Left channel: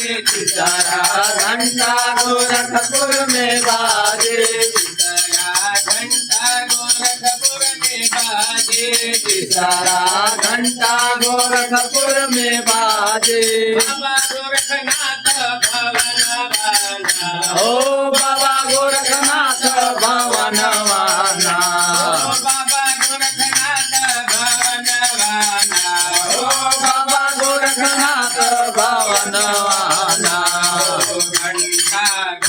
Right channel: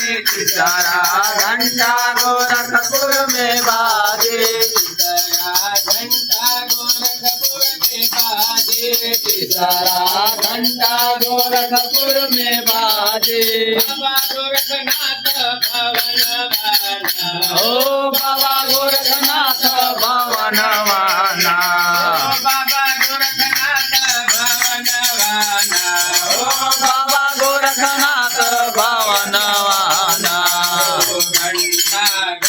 सितारा घंटा गोरखपुर में बाजे सितारा घंटा गोरखपुर में बाजे बाबा गोरखनाथ भवन ओ बाबा गोरखनाथ भवन वाना बाबा गोरखनाथ भवन वाना ओ बाबा गोरखनाथ भवन वाना।